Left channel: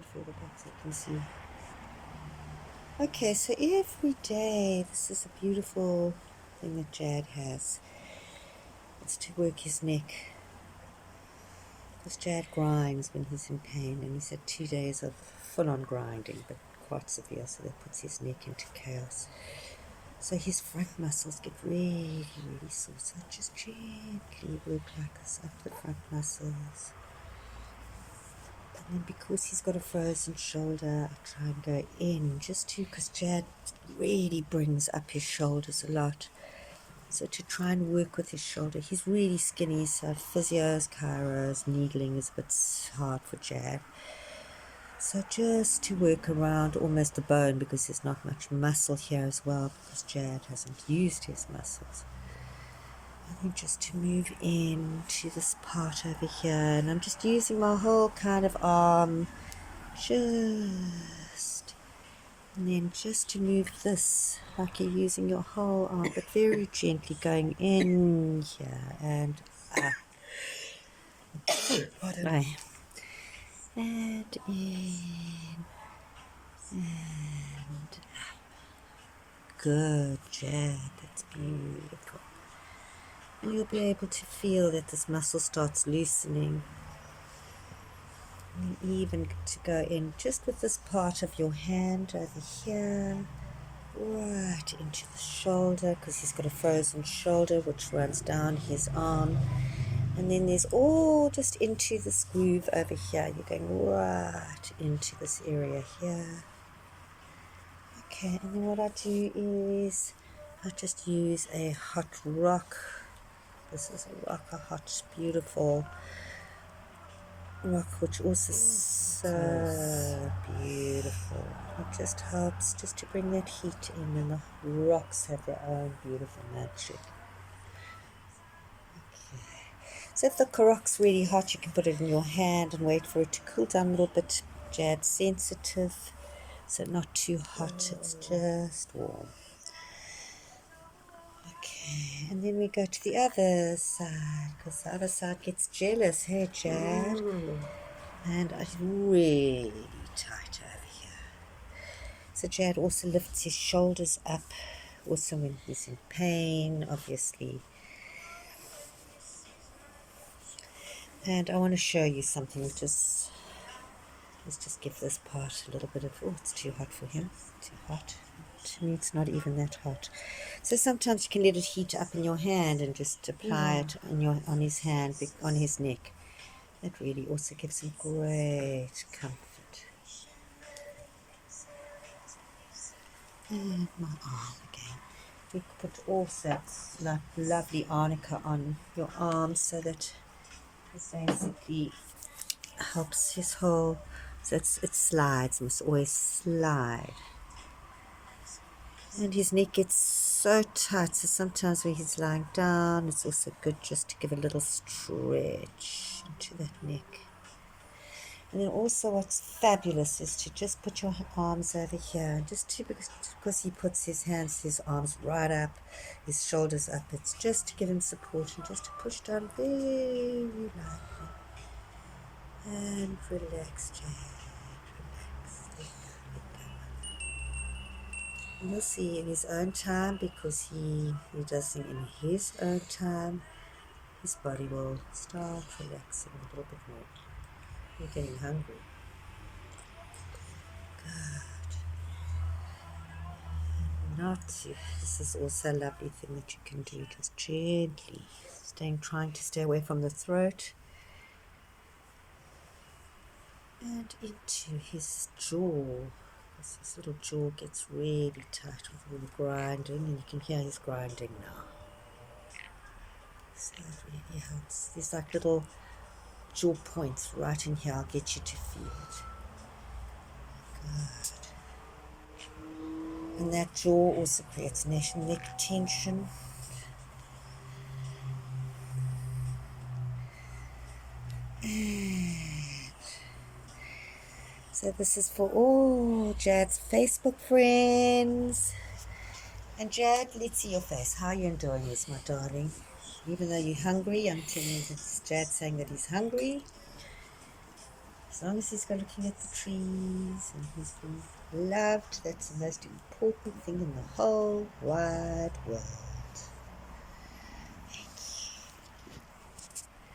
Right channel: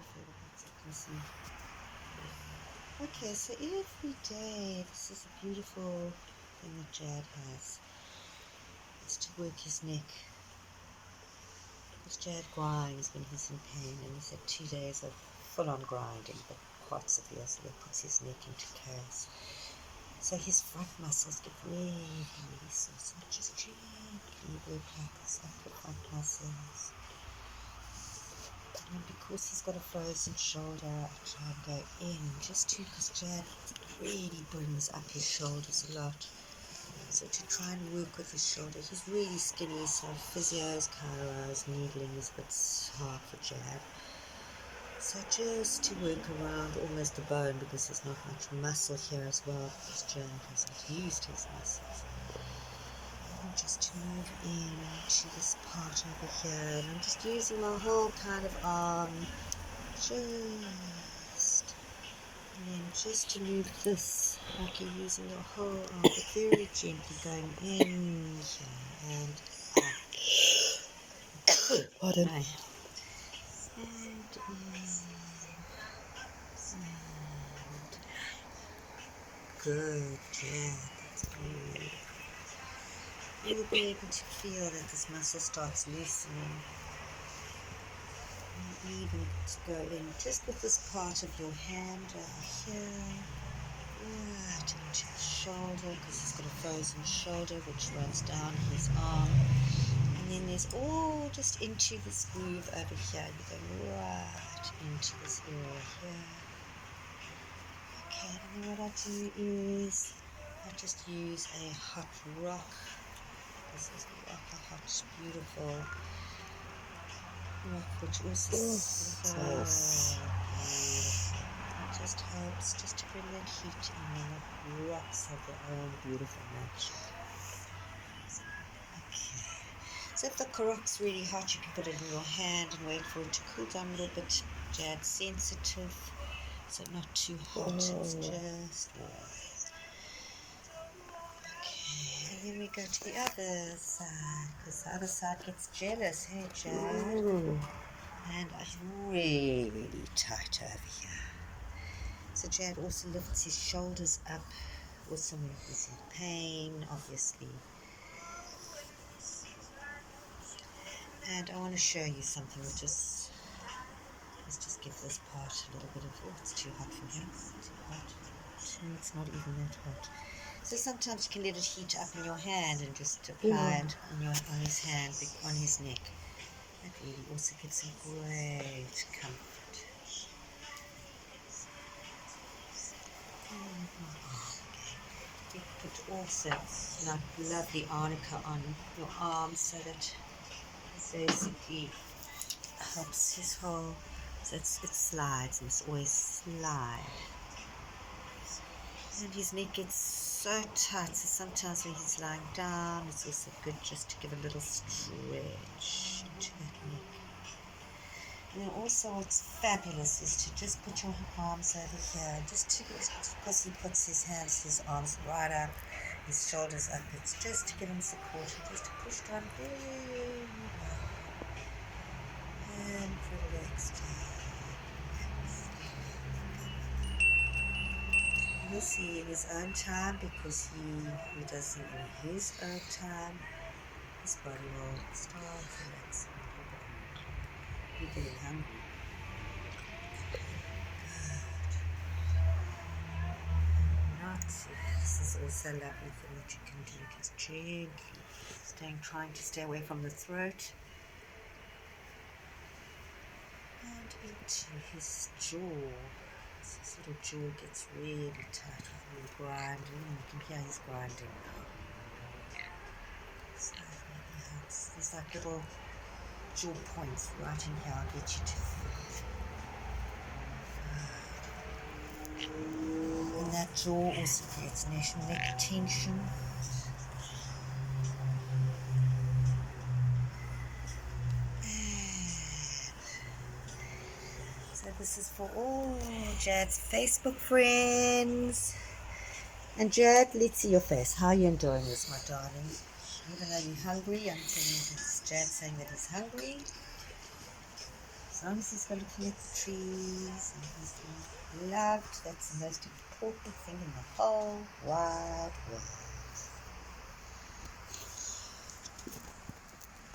put further back so you can see. Okay, so every day, this is a beautiful thing that Jadd has. It's to work his neck. Because Jadd grinds when he's in pain, and he's had 2 days of full-on grinding, but quite severe, so that puts his neck into chaos. So his front muscles get really, really sore. So just gently work like this up the front muscles. And then because he's got a frozen shoulder, I try and go in just to, because Jadd really brings up his shoulders a lot. So to try and work with his shoulder, he's really skinny, so physios, chiros, needling is a bit hard for Jadd. So just to work around almost the bone, because there's not much muscle here as well, because Jadd hasn't used his muscles. And just to move into this part over here, and I'm just using my whole kind of arm, just, and then just to move this, like you're using your whole arm, but very gently going in here and up. Pardon. Right. And in. And good, Jadd, that's beautiful. You'll be able to feel that this muscle starts loosening. And even to go in just with this part of your hand over here, right into the shoulder, because he's got a frozen shoulder which runs down his arm. And then there's all just into this groove over here. You're going right into this area here. Okay, and then what I do is I just use a hot rock. This is a rock, a hot, beautiful rock, which also is so beautiful. It just helps just to bring that heat in, and the rocks have their own beautiful nature. Okay, so if the rock's really hot, you can put it in your hand and wait for it to cool down a little bit. Jadd's sensitive, so not too hot, it's just warm. Okay, and then we go to the other side, because the other side gets jealous. Hey, Jadd. And I'm really tight over here. So Jadd also lifts his shoulders up, also when he's in pain, obviously. And I want to show you something, which is, let's just give this part a little bit of, oh, it's too hot for him, too hot. To me, it's not even that hot. So sometimes you can let it heat up in your hand and just apply it on his hand, on his neck. That really also gives him great comfort. And my arm again. We put also like lovely arnica on your arm, so that it basically helps his whole, so it slides, must always slide. And his neck gets so tight, so sometimes when he's lying down, it's also good just to give a little stretch into that neck. And then also what's fabulous is to just put your arms over here, just to, because he puts his hands, his arms right up, his shoulders up, it's just to give him support and just to push down very lightly. And relax, Jadd. You'll see in his own time, because he does them in his own time, his body will start relaxing a little bit more. You're getting hungry. Good. Not to. This is also a lovely thing that you can do, just gently trying to stay away from the throat and into his jaw. His little jaw gets really tight with all the grinding, and you can hear he's grinding now. So it really helps. There's like little jaw points right in here. I'll get you to feel it. Good. And that jaw also creates neck tension. So this is for all Jadd's Facebook friends. And Jadd, let's see your face. How are you enjoying this, my darling? Even though you're hungry, I'm telling you, this is Jadd saying that he's hungry. As long as he's got looking at the trees and he's being loved, that's the most important thing in the whole wide world.